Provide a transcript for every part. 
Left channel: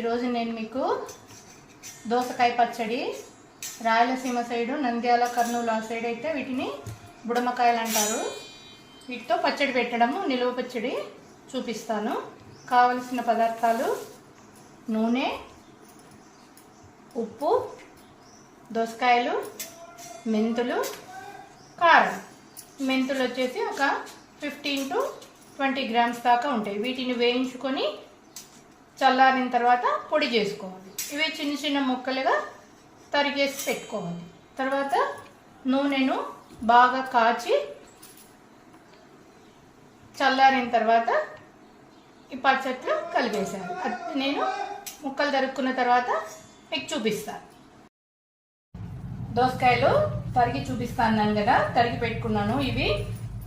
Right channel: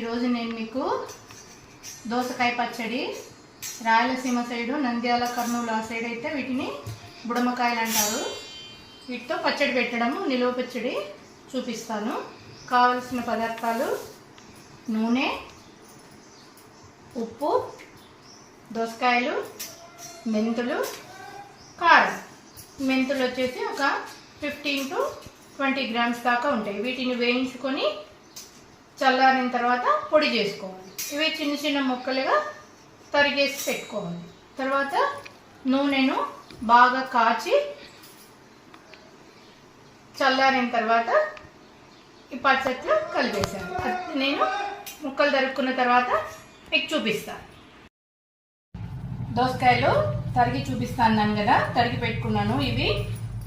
ఈరోజు నేను మీకు దోసకాయ పచ్చడి, రాయలసీమ సైడు నంద్యాల కర్నూలు ఆ సైడ్ అయితే వీటిని బుడమకాయలు అంటారు. వీటితో పచ్చడి పెట్టడం, నిలువ పచ్చడి చూపిస్తాను. కావలసిన పదార్థాలు: నూనె, ఉప్పు, దోసకాయలు, మెంతులు, కారం. మెంతులు వచ్చేసి ఒక 15 to 20 grams దాకా ఉంటాయి. వీటిని వేయించుకొని చల్లారిన తర్వాత పొడి చేసుకోవాలి. ఇవి చిన్న చిన్న ముక్కలుగా తరిగేసి పెట్టుకోవాలి. తర్వాత నూనెను బాగా కాచి చల్లారిన తర్వాత ఈ పచ్చట్లో కలిపేసాను. నేను ముక్కలు తరుక్కున్న తర్వాత మీకు చూపిస్తాను. దోసకాయలు తరిగి చూపిస్తాను కదా, తరిగి పెట్టుకున్నాను. ఇవి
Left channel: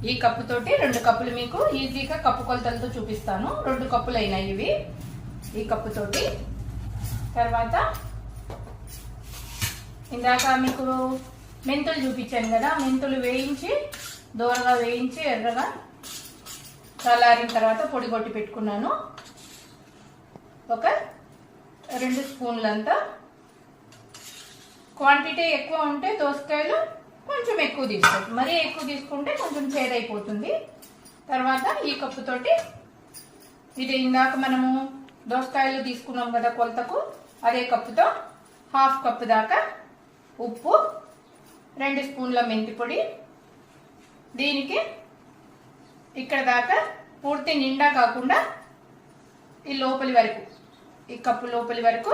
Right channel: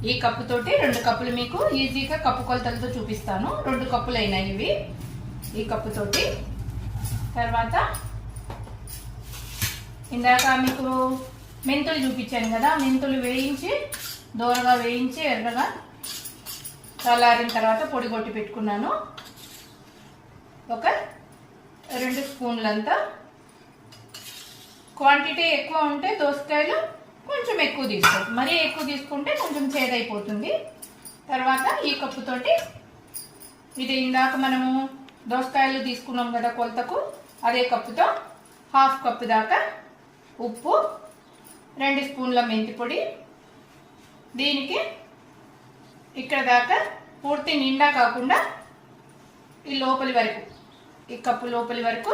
ఈ కప్పుతోటి 2 కప్పులు మీకు ఈజీగా కప్పు కొలతలతో చూపిస్తాను. 2 కప్పులు అయినాయి ఇవి ఈ కప్పుతోటి. తర్వాత ఇందాక మీకు మెంతులు చూపించాను కదా, మెంతులు వేయించి దోరగా వేయించి ఎర్రగా చల్లారిన తర్వాత పొడి కొట్టి పెట్టుకున్నాను. ఒక 2 స్పూన్లంతా. క్వాంటిటీ ఎక్కువ ఉంటే దోసకాయలు కొంచెం ఎక్కువ తీసుకోండి, మరీ ఎక్కువ తీసుకుంటే కొంచెం చేదైపోతుంది. తర్వాత ఈ కప్పుతోటి ఇది ఇందాక మనము దోసకాయలు తీసుకున్నాం కదా కొలతకు, అదే కప్పుతో 1/2 కప్పు దాకా ఉప్పు, 2 స్పూన్ల మెంతి పొడి. దీనికి ఇక్కడ దాకా పూర్తి నిండా కాకుండా ఈ లోపలి వరకు, ఈ కప్పు లోపలి వరకు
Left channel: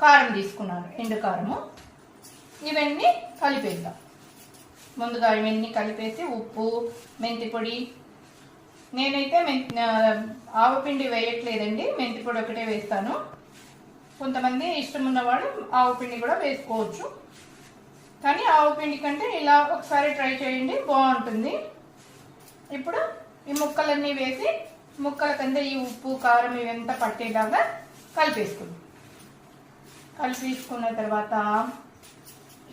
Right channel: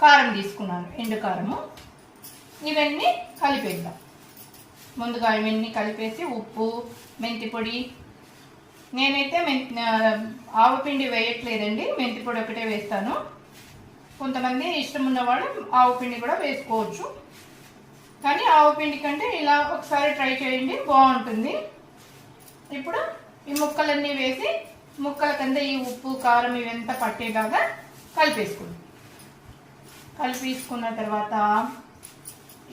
కారం తీసుకున్నాను, ఎండు కారము. ఇవన్నీ కలిపేద్దాం. ముందుగా ఇవన్నీ కలిపేసి ఉప్పు, మెంతి పొడి. నేనైతే ఆవపిండి వేయట్లేదండి, మెంతి పొడి ఒకటే వేస్తాను. కొంతమంది ఇష్టం ఉన్నవాడు ఆవపిండి కూడా వేసుకోవచ్చు, కానీ ఆవపిండి కంటే ఇలా ఒకసారి ట్రై చేయండి, బాగుంటుంది. ఇప్పుడు ఈ ముక్కలన్నీ వేసి ముక్కల కింద ఈ ఉప్పు, కారం ఇవంతా పట్టేలాగా కలిపేసుకుందాం. కలిపేసుకున్న తర్వాత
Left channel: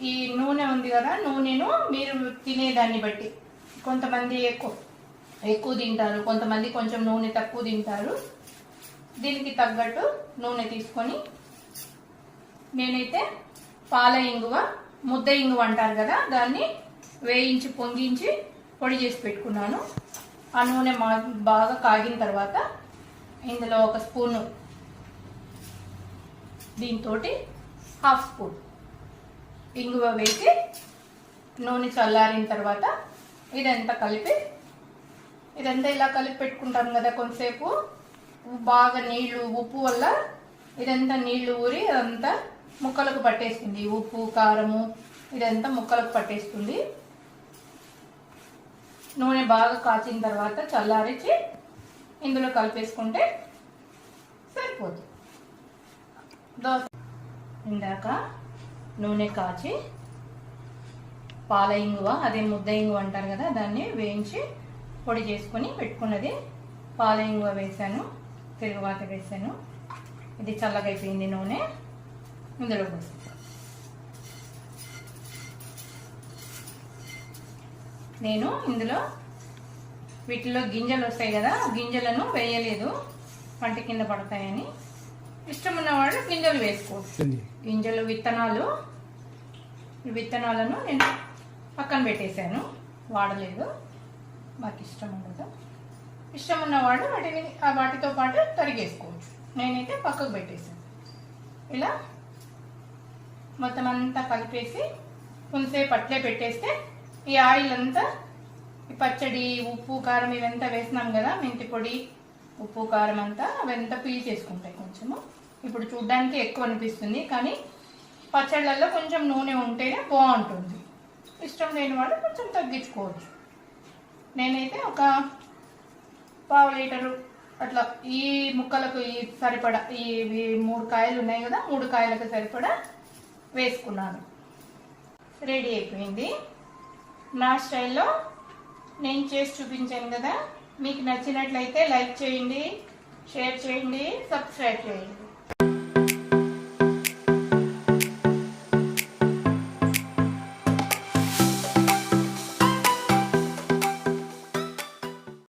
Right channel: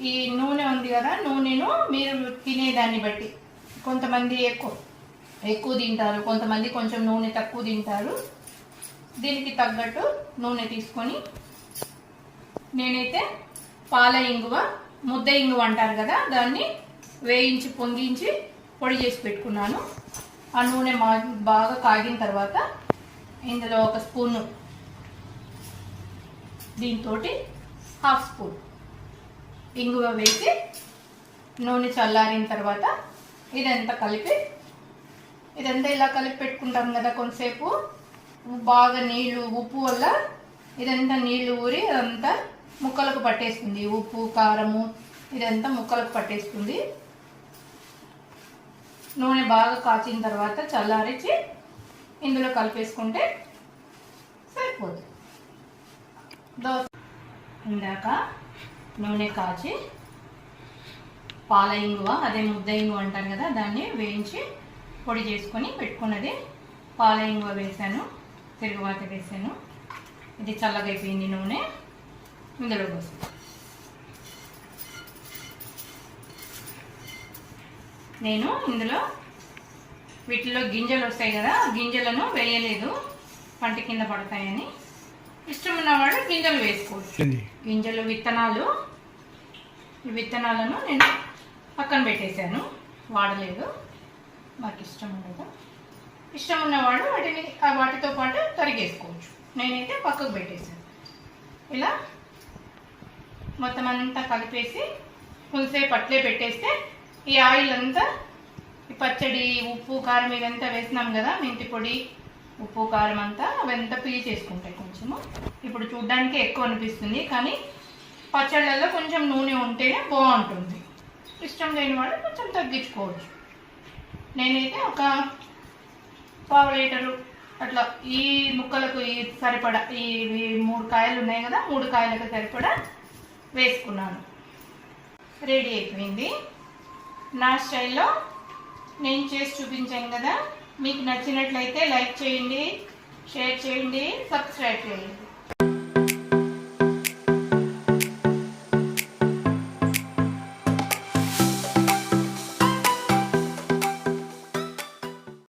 ఈ నూనె ఉంది కదా, నూనెను మీరు తినేదాన్ని బట్టి, కొంతమంది ఎక్కువ తింటారు, కొంతమంది కొంచెం నూనె తక్కువ తింటారు. దీనికి తగ్గట్టు నూనె తీసుకొని, నేనైతే పాల ఇంగువ, ముద్ద ఇంగువ అంటారు కదా, దాన్ని వేయించి పొంగించి పొడి చేసి పెట్టుకున్నాను. ఆ నూనె బాగా కాగిన తర్వాత ఇందులో 1 స్పూను, దీంతో 1/2 స్పూన్ ఇంగువ వేసి నూనె చల్లారిన తర్వాత ఇదంతా ఇలా కలిపి పెట్టుకుంటాం కదా. కొంతసేపు బాగా నీళ్లు, ఉప్పు వల్ల ఇదంతా నీళ్లు ఊరి అదంతా ముక్కలకు పట్టేస్తుంది. ఉప్పు, కారము ఇదంతా ముక్కలకు పట్టేస్తుంది. నూనె బాగా కాచిన తర్వాత చల్లారించి ఇందులో కలిపేసుకుంటే సరిపోతుంది. ఇందాక నూనె కాచి పాల ఇంగువ, అదే ముద్ద ఇంగువ అంటారు కదా, దాన్ని వేయించి పొడి చేసుకొని పెట్టుకున్నది పాల ఇంగువ వేసాను, తిరుగుబాత వేసాను. ఇది చల్లగా అయిపోయింది నూనె. ఇందులో పోసాను. నేను ఇందులో వీటిలో గింజలు వస్తాయి కదా, గింజలను వేయలేదు, పంట కింద పడతాయని. ఇష్టం ఉన్నవాడు గింజలు వేసుకోవచ్చు. గింజలు, విత్తనాలను నేను పక్కన పెట్టేశాను, వాడలేదు, మాకు ఇష్టం ఉండదు. ఇష్టం ఉన్నవాడు వాటితో పాటు తరిగేసుకోవచ్చు. నేనైతే పక్కకు పెట్టేశాను. ఇలా మొత్తం అంతా కలిపేసి కొంతసేపు అట్లే పెట్టేస్తే ఈ ఆయిల్ అంతా, ఈ పచ్చడి, ఉప్పు, కారం ఇదంతా వేసినాం కదా, మెంతి పొడి, ఉప్పు, కారం అంతా అవంతా పీల్ చేసుకుంటాయి కొంచెము. ఇప్పుడు చూడ్డానికి ఎక్కువ అనిపిస్తుంది, కానీ పచ్చళ్ళల్లో కొంచెం నూనె ఉంటేనే బాగుంటుంది. ఇష్టం లేని వాడు కొంచెం తగ్గించుకోవచ్చు. నేనైతే ఒక 1/2 లీటరు అట్లా ఈ ముక్కలకు సరిపడా, ఈ 3 కాయలు ఉన్నాయి కదా, 3 కాయలకు సరిపడా వేసుకున్నాను. రెడీ అయిపోయింది. నా స్టైల్లో నేను చేసి చూపించాను కదా. మీకు నచ్చినట్లయితే లైక్ చేయండి, షేర్ చేయండి, సబ్స్క్రైబ్ చేయండి.